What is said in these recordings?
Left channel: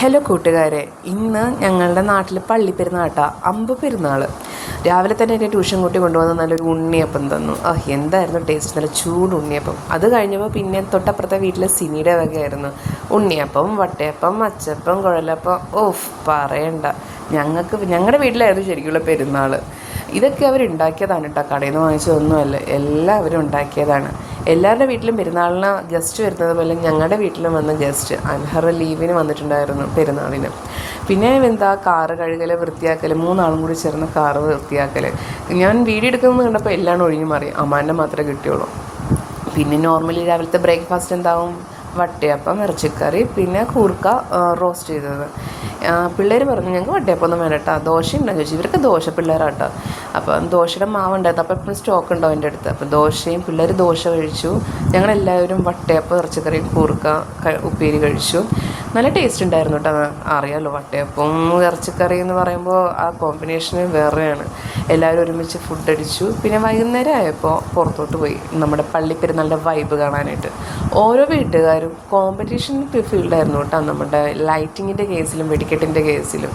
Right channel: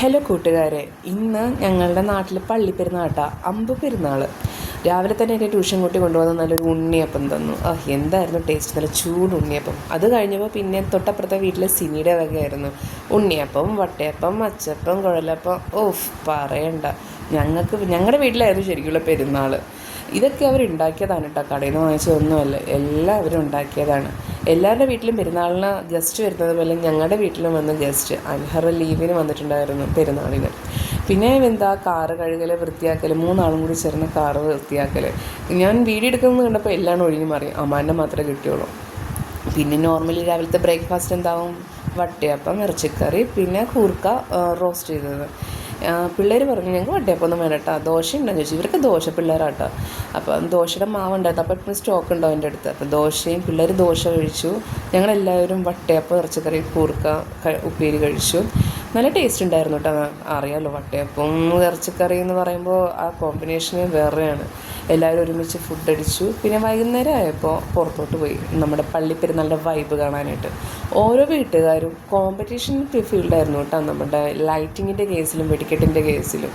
Hello കൂട്ടുകാരെ, ഇന്ന് ഞങ്ങളുടെ നാട്ടിൽ പള്ളിപ്പെരുന്നാട്ടാ, അമ്പ് പെരുന്നാൾ. രാവിലെ തന്നെ എൻ്റെ ട്യൂഷൻ കുട്ടി കൊണ്ടുവന്ന് നല്ലൊരു ഉണ്ണിയപ്പം തന്നു. എന്തായിരുന്നു ടേസ്റ്റ്, നല്ല ചൂട് ഉണ്ണിയപ്പം. അത് കഴിഞ്ഞപ്പോൾ പിന്നെ തൊട്ടപ്പുറത്തെ വീട്ടിലെ സിനിയുടെ വകയായിരുന്നു ഉണ്ണിയപ്പം, വട്ടയപ്പം, അച്ചപ്പം, കുഴലപ്പം. പറയണ്ട, ഞങ്ങളുടെ വീട്ടിലായിരുന്നു ശരിക്കുള്ള പെരുന്നാൾ. ഇതൊക്കെ അവരുണ്ടാക്കിയതാണ് കേട്ടോ, കടയിൽ നിന്ന് വാങ്ങിച്ചതൊന്നുമല്ല, എല്ലാവരും ഉണ്ടാക്കിയതാണ്. എല്ലാവരുടെ വീട്ടിലും പെരുന്നാളിന് ഗസ്റ്റ് വരുന്നത് പോലെ ഞങ്ങളുടെ വീട്ടിലും വന്ന ഗസ്റ്റ് അൻഹർ ലീവിന് വന്നിട്ടുണ്ടായിരുന്നു പെരുന്നാളിന്. പിന്നെ എന്താ, കാറ് കഴുകൽ, വൃത്തിയാക്കൽ, മൂന്നാളും കൂടി ചേർന്ന് കാറ് വൃത്തിയാക്കൽ. ഞാൻ വീഡിയോ എടുക്കുന്നത് കണ്ടപ്പോൾ എല്ലാം ഒഴിഞ്ഞു മാറി, അമ്മാനെ മാത്രമേ കിട്ടിയുള്ളൂ. പിന്നെ നോർമലി രാവിലത്തെ ബ്രേക്ക്ഫാസ്റ്റ് എന്താവും, വട്ടയപ്പം, ഇറച്ചിക്കറി, പിന്നെ കൂർക്ക റോസ്റ്റ് ചെയ്തത്. പിള്ളേർ പറഞ്ഞു ഞങ്ങൾക്ക് വട്ടയപ്പം ഒന്നും വേണ്ട കേട്ടോ, ദോശ ഉണ്ടെന്ന് ചോദിച്ചു. ഇവർക്ക് ദോശ പിള്ളേരാട്ടോ. അപ്പം ദോശയുടെ മാവുണ്ടായിരുന്നു, അപ്പോൾ എപ്പോഴും സ്റ്റോക്ക് ഉണ്ടാവും എൻ്റെ അടുത്ത്. അപ്പോൾ ദോശയും പിള്ളേർ ദോശ കഴിച്ചു. ഞങ്ങളെല്ലാവരും വട്ടയപ്പം, ഇറച്ചിക്കറി, കൂർക്ക, ഉപ്പേരി കഴിച്ചു. നല്ല ടേസ്റ്റ് ഉണ്ടായിരുന്നു കേട്ടോ. അറിയാമല്ലോ, വട്ടയപ്പം ഇറച്ചിക്കറി എന്ന് പറയുമ്പോൾ ആ കോമ്പിനേഷന് വേറെയാണ്. എല്ലാവരും ഒരുമിച്ച് ഫുഡ് അടിച്ചു. പിന്നെ വൈകുന്നേരം ആയപ്പോൾ പുറത്തോട്ട് പോയി നമ്മുടെ പള്ളിപ്പെരുന്നാളിൻ്റെ വൈബ് കാണാനായിട്ട്. ഓരോ വീട്ടുകാരും കോമ്പറ്റീഷൻ ഫീൽഡായിരുന്നു കേട്ടോ, നമ്മുടെ ലൈറ്റിങ്ങിൻ്റെ കേസിലും വെടിക്കെട്ടിൻ്റെ കേസിലും.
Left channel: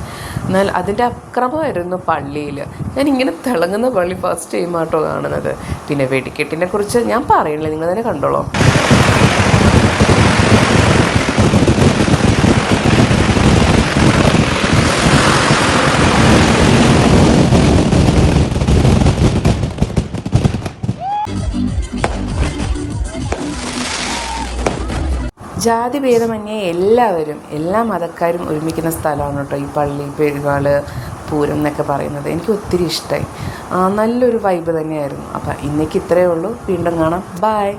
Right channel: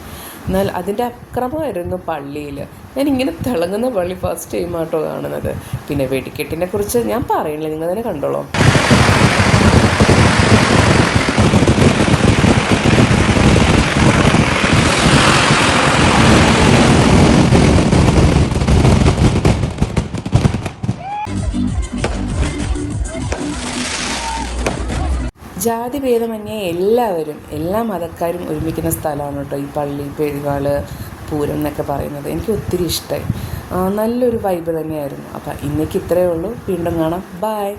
എന്നാൽ അതിൻ്റെ അക്രമമായിരുന്നു പള്ളിയിൽ. ഞാൻ ഇങ്ങനെ തിളങ്ങുന്ന പള്ളി ഫസ്റ്റ് ടൈം ആട്ടോ കാണുന്നത്. പിന്നെ വെടിക്കെട്ടിനെ കുറിച്ച് ഞാൻ പറയണില്ല, നിങ്ങൾ തന്നെ കണ്ടോളൂ. ജാതിഭേദമന്യേ എല്ലാവരും, എല്ലാ മതക്കാരും ഒരുമിക്കുന്ന സ്ഥലമാണ് കേട്ടോ ഈ പള്ളി പെരുന്നാൾ പൂരം എന്നൊക്കെ പറയുന്നത്. എനിക്ക് ഒത്തിരി ഇഷ്ടമായി. നല്ലൊരു വൈബ് തന്നെയായിരുന്നു. അപ്പം ഇന്നേക്ക് ഇത്രയേ ഉള്ളൂ. വീണ്ടും കാണാം. ബൈ.